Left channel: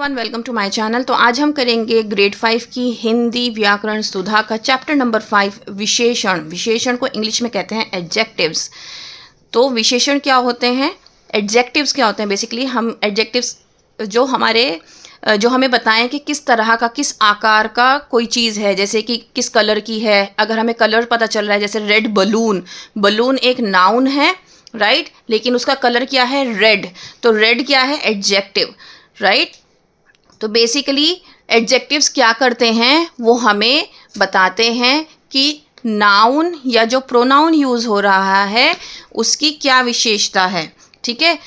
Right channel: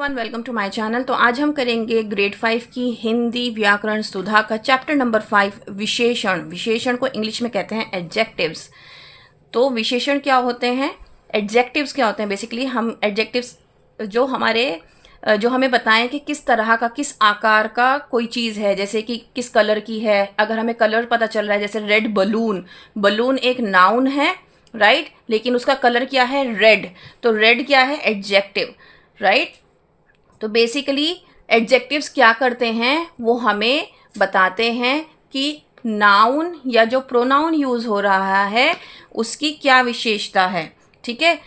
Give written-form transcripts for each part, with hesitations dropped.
Welcome to my channel. तो आज हम करेंगे ग्रेड 5 की हिंदी व्याकरण सुधा का चैप्टर नंबर 5 विशेषण। विशेषण को इंग्लिश में कहते हैं एडजेक्टिव्स। तो विशेषण क्या होते हैं, एडजेक्टिव्स क्या होते हैं। बेसिकली हम एडजेक्टिव्स जो हमें बताएं कि किस तरह का, किस आकार का कोई चीज़ है, जैसे कि किस कलर की है। अगर हमें कलर पता चल रहा है, जैसे रेड बलून, बलून एक नाउन है राइट, लेकिन उसका कलर क्या है, रेड। तो रेड क्या है, एडजेक्टिव राइट। तो बेसिकली एडजेक्टिव्स क्या करते हैं, वो हमें बताते हैं कि नाउन या जो प्रोनाउन यूज़ हो रहा है उसकी क्या विशेषता है। ठीक है,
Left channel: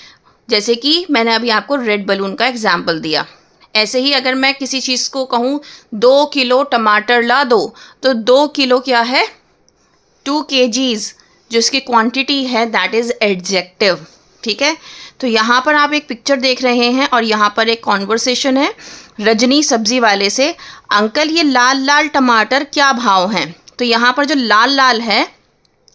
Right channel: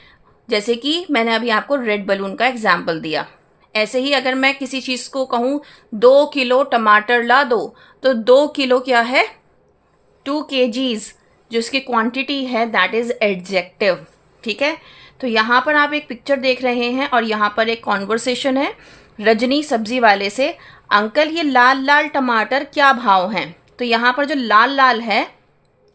जैसे कि मैंने अभी आपको रेड बलून का एग्जाम्पल दिया। ऐसे ही अगर मैं किसी चीज़ को कहूँ 2 किलो टमाटर ला दो, तो 2 किलो क्या है, 2 kgs, जो इसकी क्वांटिटी है दैट इज़ एडजेक्टिव। ठीक है, तो यहाँ पर आप एक पिक्चर देख रहे हैं और यहाँ पर एक कॉन्वर्सेशन है रजनी सब्जी वाले से। अंकल ये लाल लाल टमाटर क्या भाव हैं। तो यहाँ पर जो लाल लाल है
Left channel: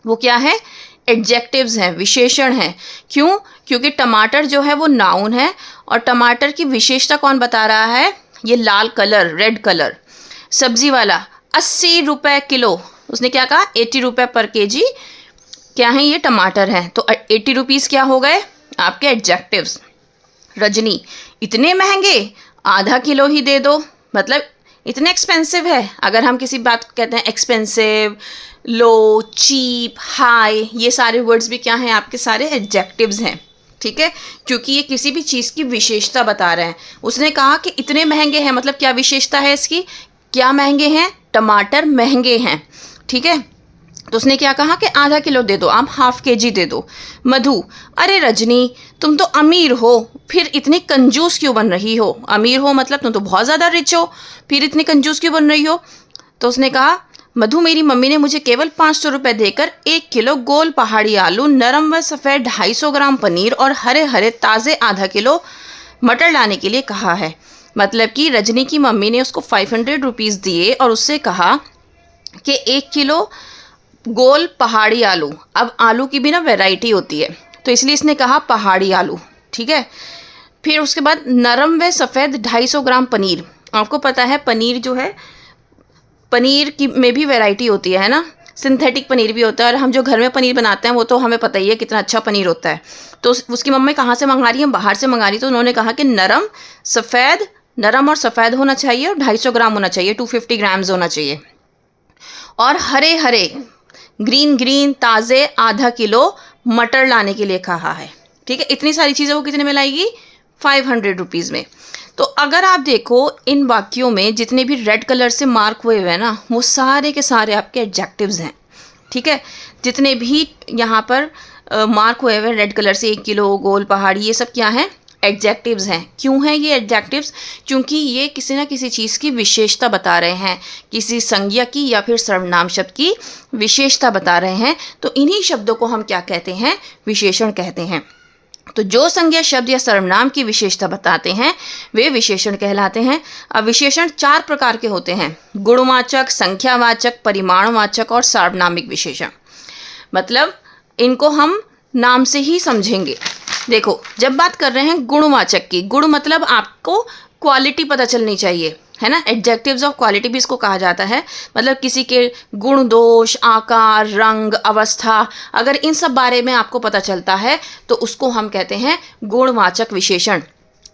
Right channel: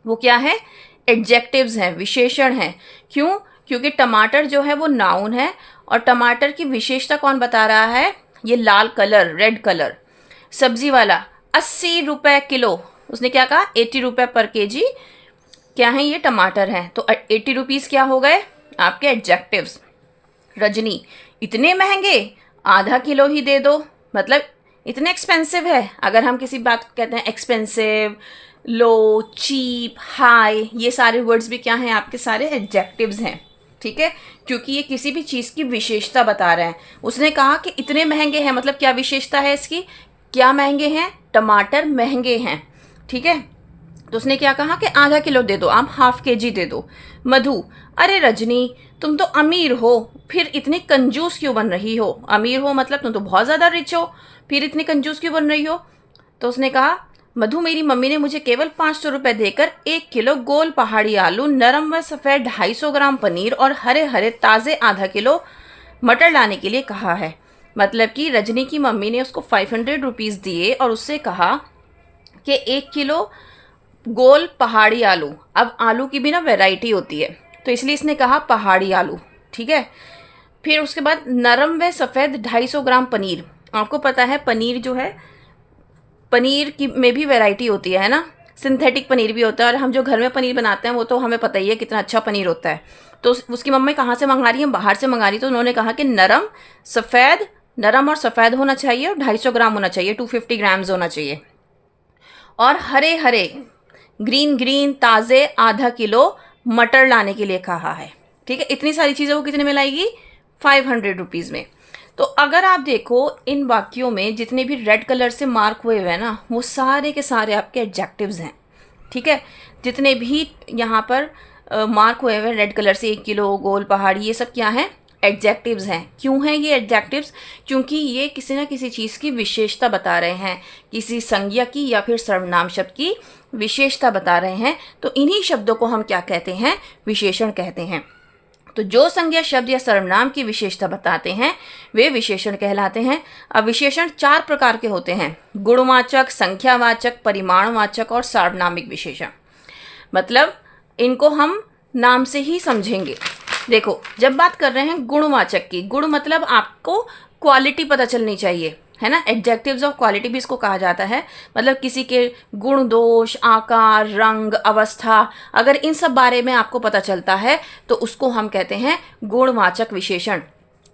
वो क्या है, एडजेक्टिव्स हैं, विशेषण हैं। क्यों, क्योंकि टमाटर जो है वो नाउन है और टमाटर की विशेषता कौन बता रहा है, ये लाल कलर, रेड कलर। सब्जी वाला 80 रुपये किलो, उसने क्या कहा, 80 रुपये पर केजी क्या है, ये टमाटर हैं। तो 80 रुपीज़ क्या हो गए आपके एडजेक्टिव्स। रजनी इतने महंगे, आधा किलो ही दे दो, मतलब इतने एक्सपेंसिव है। अगर हम किसी बात को कहते हैं एक्सपेंसिव, लो, चीप, हाई, ये सारे वर्ड्स भी क्या हैं, आपके सारे एडजेक्टिव्स हैं। ठीक है, क्योंकि ये किसी भी चीज़ की विशेषता बता रहे हैं। उसने कहा कि इतने महंगे हैं, मतलब क्या विशेषता है इसकी, क्या महंगे हैं, टमाटर महंगे हैं। ठीक है, तो उसने क्या कहा कि आधा किलो दे दो, आप हाफ केजी दे दो। मधु, अरे रजनी तुम तो अमीर हो, फिर इतनी कंजूस क्यों बन रही हो। अमीर हो मतलब तुम तो बहुत ज़्यादा रिच हो, फिर इतनी कंजूस क्यों बन रही हो। तो उसने कहा, मधु मेरी मम्मी ने मुझे केवल 500 रुपये देकर 1 किलो गोल पहाड़ी आलू, नरम व सफ़ेद 250 ग्राम पनीर और हरे हरे ताज़े आधा किलो मटर लाने के लिए कहा है। मतलब कि रजनी की मम्मी ने उसको 500 रुपीज़ दिए और उससे कहा कि 1 किलो गोल पहाड़ी आलू। अब आलू की भी ना वैरायटी होती है, तो इसलिए इसने कहा पहाड़ी आलू। ठीक है, फिर उसके बाद नरम व सफ़ेद 250 ग्राम पनीर। आपको पता है पनीर जो है, पनीर की में भी वैरायटी होती है ना, सिंथेटिक पनीर भी होता है, और हम जो घर में पनीर बनाते हैं वो तो हमें पता ही है कितना अच्छा पनीर होता है। तो उसकी मम्मी कहाँ से मंगा रही है, बाहर से मंगा रही। तो उन्होंने कहा कि नरम और सफ़ेद होना चाहिए और 250 ग्राम होना चाहिए, 250 ग्राम्स होना चाहिए, और हरे हरे ग्रीन ग्रीन ताज़े आधा किलो मटर लाने के लिए कहा है। ठीक है, इतनी सारी चीज़ें वो कितने में लाएगी, 500 रुपीज़ में। तो अगर आप देखो इन वाक्यों में जितने भी रेड कलर से मार्क हुए हुए हैं ना, वो सारे के सारे आपके एडजेक्टिव्स हैं। ठीक है, जितने भी यहाँ पर मार्क हुए हुए रेड कलर से, 1 किलो, गोल पहाड़ी, ये सब क्या हैं, एडजेक्टिव्स हैं। क्यों हैं ये एडजेक्टिव्स, क्योंकि ये किसी ना किसी चीज़ की विशेषता बता रहे हैं, किसी संज्ञा की या फिर सर्वनाम शब्द की विशेषता बता रहे हैं। तो इन्हीं शब्दों को हम क्या कहते हैं, विशेषण कहते हैं। तो जो संज्ञा शब्द या सर्वनाम की विशेषता बताते हैं वे विशेषण कहलाते हैं। अब विशेषण 4 प्रकार के होते हैं, गुणवाचक, संख्यावाचक, परिमाणवाचक और सार्वनामिक विशेषण। मतलब इनको हम नाम से ही समझेंगे। देखो, जब बात कर रहे हैं गुणवाचक की, गुण मतलब आपको क्वालिटी पता चलनी चाहिए, है ना। एडजेक्टिव्स ऑफ क्वालिटी भी इसको कहा जाता है। मतलब किसी के गुण, दोष, आकार, रंग, अवस्था, अगर इन सब बारे में आपको पता चलता है तो उसको हम कहते हैं गुणवाचक विशेषण।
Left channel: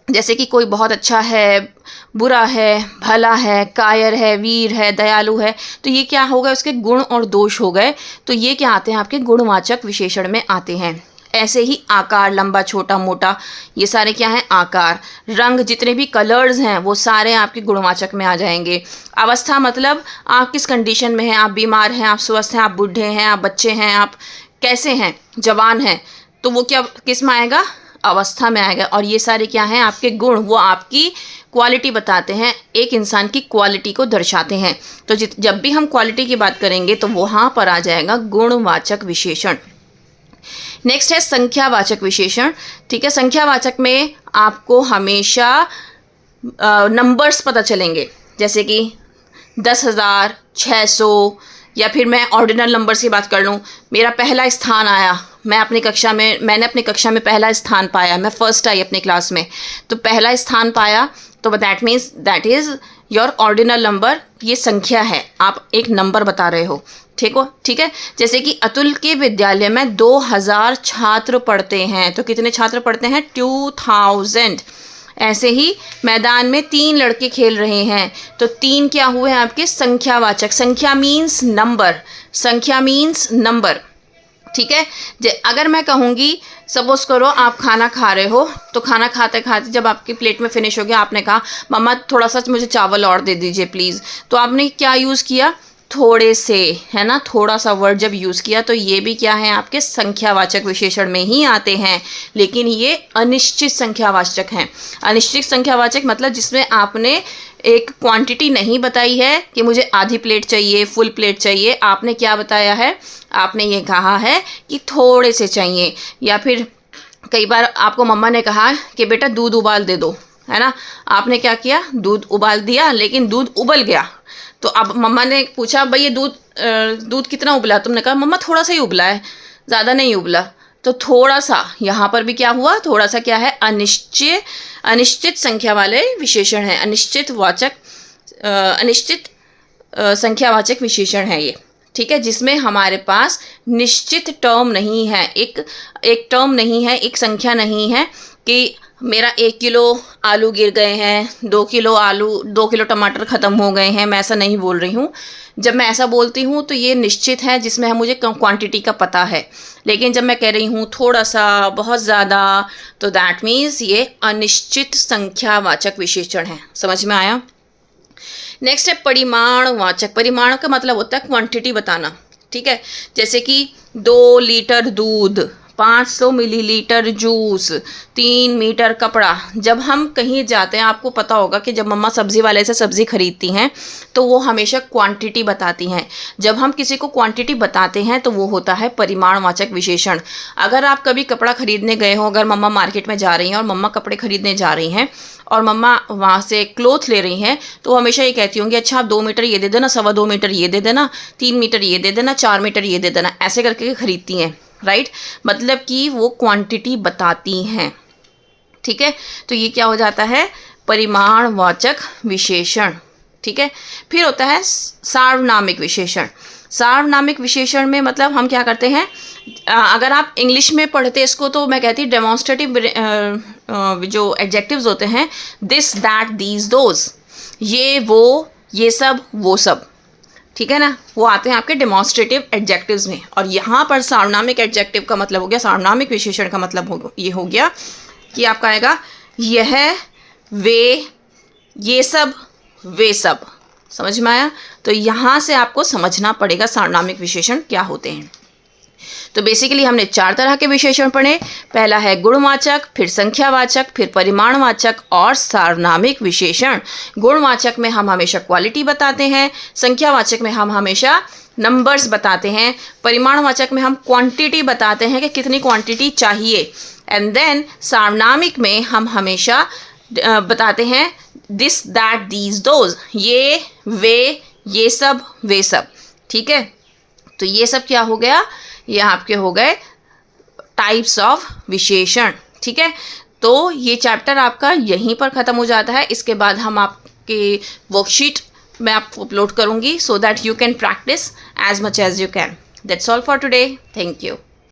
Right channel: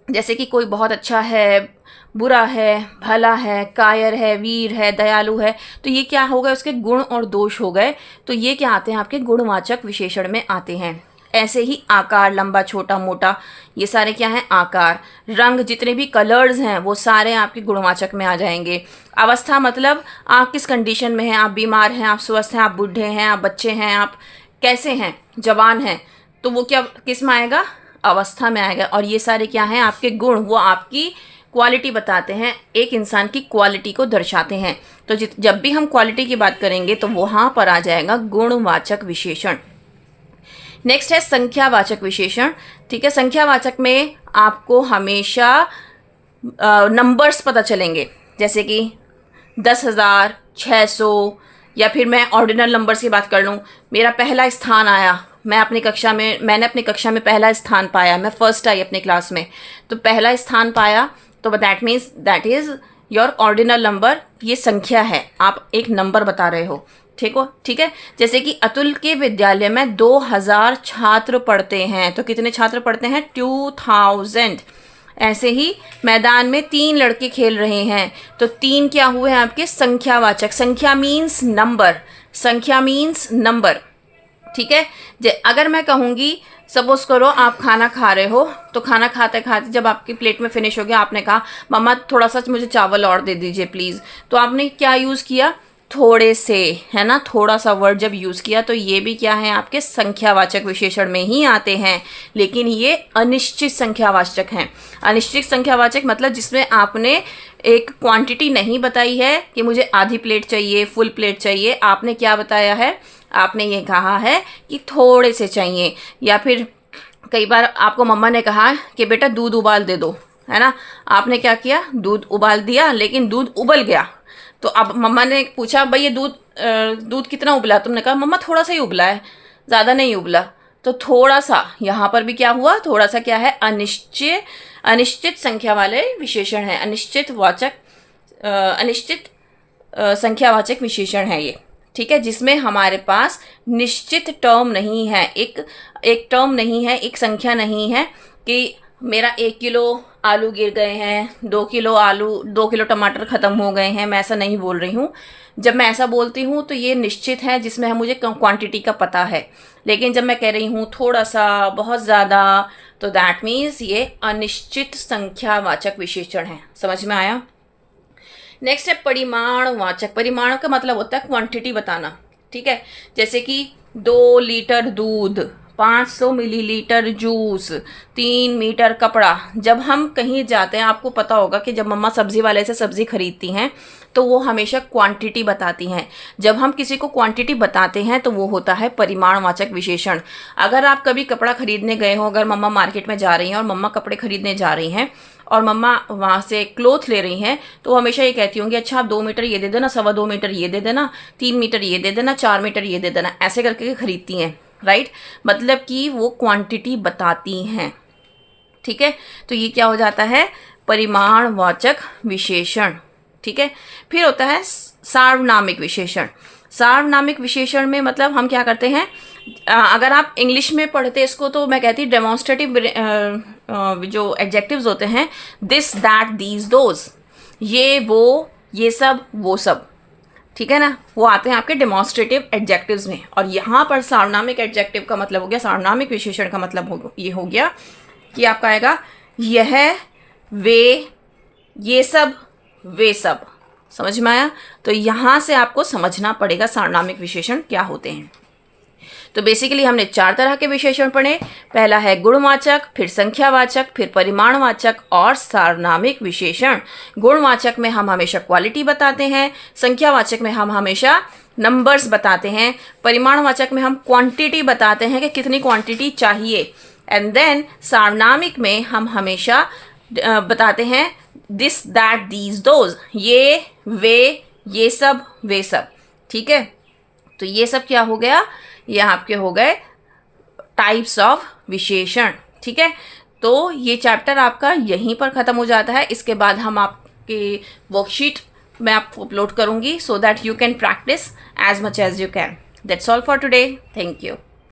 जैसे कि कोई बहुत अच्छा है, बुरा है, भला है, कायर है, वीर है, दयालु है, तो ये क्या हो गए, उसके गुण और दोष हो गए। तो ये क्या आते हैं, आपके गुणवाचक विशेषण में आते हैं। ऐसे ही आकार, लंबा, छोटा, मोटा, ये सारे क्या हैं, आकार। रंग, जितने भी कलर्स हैं वो सारे आपके गुणवाचक में आ जाएंगे। अवस्था मतलब आप किस कंडीशन में हैं, आप बीमार हैं, आप स्वस्थ हैं, आप बूढ़े हैं, आप बच्चे हैं, आप कैसे हैं, जवान हैं, तो वो क्या किस में आएगा, अवस्था में आएगा। और ये सारे क्या हैं, आपके गुण, वो आपकी क्वालिटी बताते हैं, एक इंसान की क्वालिटी को दर्शाते हैं। तो जब भी हम क्वालिटी की बात करेंगे तो वहाँ पर आ जाएगा गुणवाचक विशेषण। नेक्स्ट है संख्यावाचक विशेषण। ठीक है, संख्यावाचक में आपको हमेशा नंबर्स पता चलेंगे, जैसे कि 10,000, 600, या फिर मैं ऑर्डिनल नंबर्स की बात कर लूँ, मेरा पहला स्थान आया, मैंने अपनी कक्षा में पहला स्थान पाया, मैं फर्स्ट आई अपनी क्लास में, तो पहला स्थान पाया तो that means that is your ordinal number, ये संख्या है, आप एक नंबर बता रहे हो, ठीक है। जैसे कि अतुल के विद्यालय में 2000 छात्र पढ़ते हैं, तो कितने छात्र पढ़ते हैं? 2000। ऐसे ही मैदान में 3 लड़के खेल रहे हैं, तो 3 क्या हुए हैं आपके? संख्यावाचक। संख्या मीन्स नंबर, संख्या मीन्स नंबर, ठीक है। अगर मैं कहूँगी, सपोज करो आप खाना खा रहे हो, तो खाना खाते खाते जब आपकी प्लेट में फिनिश हो गया, आपने कहा मम्मा थोड़ा सा मुझे चावल और दे दीजिए प्लीज़, तो आपने क्या यूज़ किया? थोड़े से, है ना। थोड़ा सा वर्ड जब यूज़ किया तो ये भी क्या है? आपके संख्यावाचक विशेषण में ही आते हैं, लेकिन ये अनिश्चित संख्यावाचक हैं। अनिश्चित संख्यावाचक मतलब जिसमें आपने एक क्वांटिटी नहीं बताई है कि मुझे आधी प्लेट चाहिए, फुल प्लेट चाहिए, आपने क्या बताया है? आपने ये कहा है कि थोड़े से चाहिए। या फिर कई बार आपको मम्मा ने कहा कि बेटा दूध उबाल दे दो, है ना। आपने क्या किया? दूध उबाल दिया, लेकिन दूध उबल गया। तो अब मम्मा ने पूछा भाई ये दूध कितना उबला? तुमने कहा मम्मा थोड़ा सा ही उबला है, ज़्यादा नहीं उबला। तो थोड़ा सा, यहाँ पर भी क्या हुआ? थोड़ा सा क्या है? अनिश्चित संख्या वाले विशेषण है, अनिश्चित संख्यावाचक विशेषण है ये, ठीक है, जिसमें हमारे पास निश्चित टर्म नहीं है, एक टर्म नहीं है, एक संख्या नहीं है कि मेरा 1 किलो आलू गिर गए हैं, 2 किलो टमाटर ख़त्म हो गए हैं। मैं ऐसा नहीं बोल रही हूँ। जब मैं ऐसा बोलती हूँ तो ये निश्चित है, जिसमें मुझे क्वांटिटी का पता है। लेकिन जब मैं कह रही हूँ थोड़ा सा, बहुत ज़्यादा, तो दैट मीन्स ये अनिश्चित संख्यावाचक विशेषण है। समझ में आया? नेक्स्ट है परिमाणवाचक। परिमाण का मतलब होता है क्वांटिटी बताना, ठीक है। जैसे कि 2 लीटर दूध, 500 मिलीलीटर जूस, 3 मीटर कपड़ा। जब हम कहीं जाते हैं, आपको पता होगा कि जब मम्मा सब्ज़ी वाले से सब्ज़ी खरीदती हैं तो वो हमेशा क्वांटिटी बताती हैं। जब हम किसी को क्वांटिटी बताते हैं तो वो होता है परिमाणवाचक विशेषण। अगर आप कभी कपड़ा खरीदने गए हो, अगर मम्मा मार्केट में जा रही हैं और मम्मा कपड़े खरीदने जा रही हैं और मम्मा वहाँ से क्लोथ ले रही हैं, तो हमेशा ये कहती होंगी अच्छा आप 2 मीटर ये दे देना, 2.25 मीटर ये दे देना, 3 मीटर ये दे देना, 4 मीटर ये दे देना, ऐसे करके खरीदती हैं, राइट। मतलब कि वो क्वांटिटी बताती हैं, ठीक है। तो ये क्या हो जाता है? परिमाणवाचक विशेषण, ठीक है। फिर होता है सार्वनामिक विशेषण। सार्वनामिक विशेषण में मतलब हम क्या करते हैं, अगर आप इंग्लिश में पढ़ते इसको तो मैं कहती डेमोन्स्ट्रेटिव जो एडजेक्टिव्स होते हैं, दिस दैट दीज दोज, ये वो, ये सब, वो सब, ठीक है ना, वो आते हैं आपके डेमोन्स्ट्रेटिव एडजेक्टिव्स में। और यहाँ पर सार्वनामिक एडजेक्टिव का मतलब हो गया, सार्वनामिक विशेषण का मतलब ये हो गया कि आपका आएगा यह, वे, ये सब, वे सब। समझ में आया? तो यहाँ से आपको समझना पड़ेगा सार्वनामिक विशेषण क्या होते हैं। तो बेसिकली हमने 4 तरह के विशेषण पढ़े। पहला है गुणवाचक, फिर संख्यावाचक, फिर परिमाणवाचक और सार्वनामिक विशेषण। गुणवाचक में हम हमेशा क्वालिटी बताते हैं, संख्यावाचक में हम हमेशा नंबर्स बताते हैं, परिमाणवाचक में हम क्वांटिटी बताते हैं कि कितनी क्वांटिटी चाहिए, एंड देन सार्वनामिक में हम हमेशा बताते हैं दिस दैट दीज दोज, ये, वे, ये सब, वे सब, ठीक है। तो ये सब क्या हो गया? ये आपके हो गए टाइप्स ऑफ विशेषण, ठीक है। तो ये चैप्टर आपका यहीं पर ख़त्म हो जाता है। इसके बाद हम आपके वर्कशीट मैं आपको अपलोड करूँगी so that you can practise as much as you can. That's all for today. Thank you.